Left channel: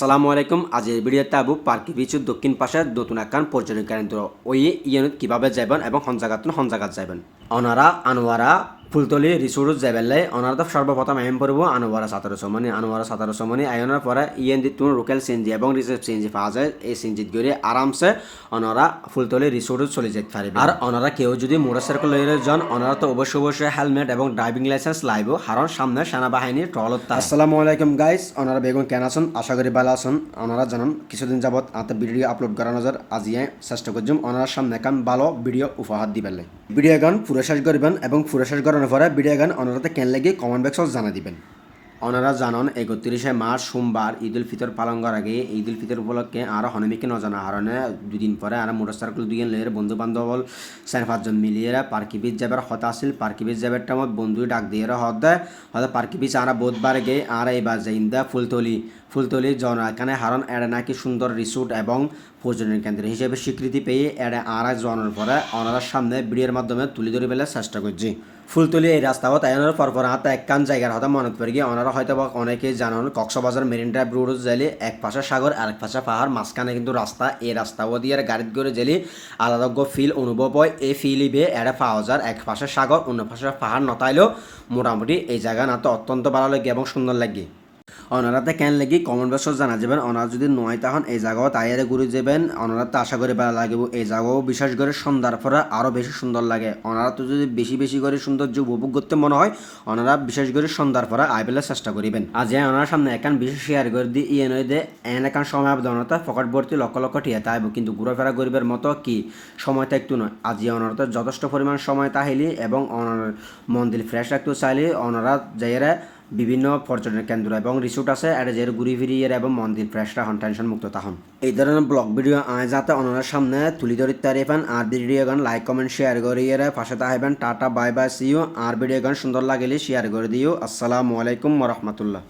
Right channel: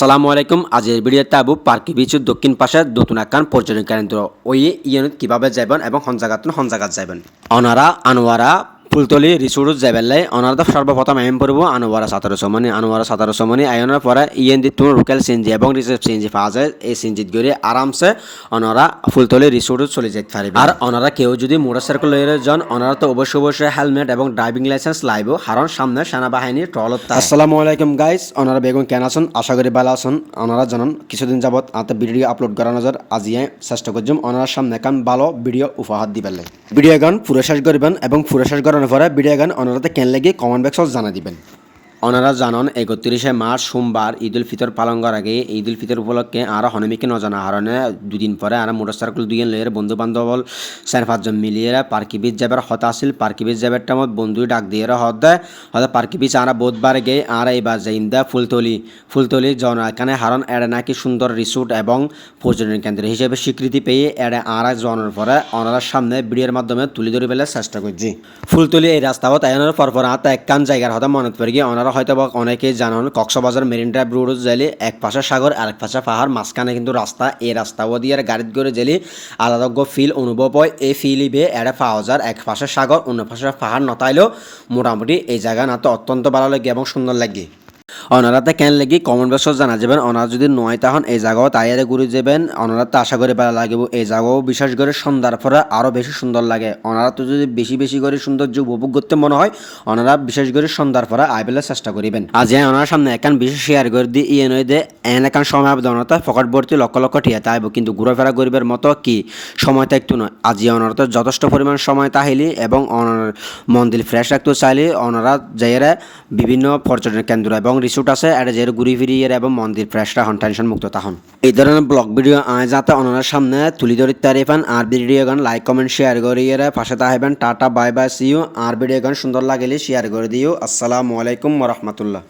সালামু আলাইকুম। আজের ভিডিওতে আবু পার্কি বিচের দক্ষিণ পাশে নতুন একখান পর্যটন কেন্দ্র ওই ইউনিট কিভাবে যাবেন এবং হন জায়গাত যাবেন অনারা আনোয়ারা ফুলতলি রিসোর্ট যাবেলাই অনারা সর্বপ্রথম আইন পড়ব আনোয়ারা 1700 আইনের পরে দি তোমার লোকাল সিএনজি এবং রিজার্ভ সিএনজি পাওয়া যায়। এই সিএনজিত গিয়ে আরামসে অনারা ফুলতলি রিসোর্ট চলে যেতে পারবে। আর অনারা কেউ যদি মোটরসাইকেল লইয়ে যান অনারা তো অবশ্যই হেলমেট এবং ড্রাইভিং লাইসেন্স লাইব, কারণ সামনে সেনাবাহিনী ট্রলত। আসসালামু আলাইকুম গাইস, অনারা বেগুন কেন আছেন? আশা করি ভালো আছেন। অনারা জানান কিছুদিন যাবত আতে ভিডিও আপলোড করার নজর আজিয়ে চেষ্টা করছুম অনারা সামনে এখন ভালো ভিডিও উপহার দিবেন। ভিডিও গান পুরো শেষ করবেন এবং পুরো শেষ করানোর পরে ভিডিও গান অনারাতে কেন লাগে কমেন্ট বক্সত জানা দিবেন। অনারা জানন 31শে মার্চ সোমবার ঈদ উল ফিতর পালন করার আগে ঈদ উল ফিতর উপলক্ষে আর হনমিকে নজানা হারণে দুদিন পরে আর মোটরসাইকেল দুইজন লইয়ের বন্ধু বান্ধব 4-5 জন মিলিয়ে পার্কি বিচ যাবার হতা আসিল। পার্কি বিচ যাবার টাইমত বন্ধু ডাক দিয়ে হত দেয় হয়তো পার্কি বিচ আর বোধবার গে আর এইবার যাইম দা ফুলতলি জন এখানে হারণ এড়ে নাকি সুন্দর রিসোর্ট এবং পর্যটন কেন্দ্র হিসেবে স্বীকৃতি পেয়ে এড়ে আর জনের পরে অনারার সামনে ভিডিওর মাধ্যমে তুলে ধরে ফেলার চেষ্টা করছি। ফুলতলি এই রাস্তাবত আয়নের পর হাত একখান জায়গার হয়তো মনে পড়ে গিয়ে অনারা হয়তো বা অনেকেই জানান কক্সবাজার মেরিন ড্রাইভ রোড যাইলে এক পাশে সাগর আরেক পাশে পাহাড়, মাঝখানে কিন্তু রাস্তা। এই রাস্তাও দিয়ে গাড়িত করে গেলে আলাদা ফিল অনুভব হয়। এই ফিল ইবে এড়ে পাওয়া যায় এক পাশে সাগর অন্য পাশে পাহাড় নতাইলেও মোটামুটি এই জায়গা না তো অত্যন্ত ভালো লাগে এবং সুন্দর লাগে। অনারাতে কেন লাগি কমেন্ট বক্সত জানা যাবেন। অনারা যদি নয় তখন এই জায়গাও তাইয়ারে ঘুরে যাবেন। অনারাতে আশা করে ভালো লাগিব। এই জায়গাও বিশেষ করে সন্ধ্যার পরে আরও বেশি সুন্দর লাগে। অনারা তো যদি বেশি করে সৌন্দর্য উপভোগ করতে মনে হয় অনারা বিশেষ করে সন্ধ্যার পরে আইবেলার চেষ্টা করিবেন। আজ ওনার সামনে একান বিশেষ শেয়ার করে দিয়ে নয় দে একান সময় আবেদনতা ফকটবর্তী লক্ষ টিয়া তাইব, কিন্তু ঘুরাফেরা করিবার মতো কি সময় থাকতো না। আজি অনারা তো যথেষ্ট পরিমাণ সময় তাহিলি এবং মন্দির ফ্রেশ রাখতে চাইলে অনারা যাইয়েরা বিভিন্ন পর্যটন কেন্দ্র এবং রিসোর্ট আছে এটা যে ঘুরি ফিরি এবং মন্দির ফ্রেশরা হন টেনশন মুক্ত তখন। এই ধরনের ব্লগ ভিডিও যাতে অনার সামনে তুলি ধরি তারিফান আর ভিডিও গান লাইক কমেন্ট শেয়ার করিয়ে পাশে তাহবেন। Tata bye bye see you. আর ভিডিও গান সুন্দর লাগলে শেয়ার করে দিও। আসসালামু আলাইকুম ওয়া রাহমাতুল্লাহ।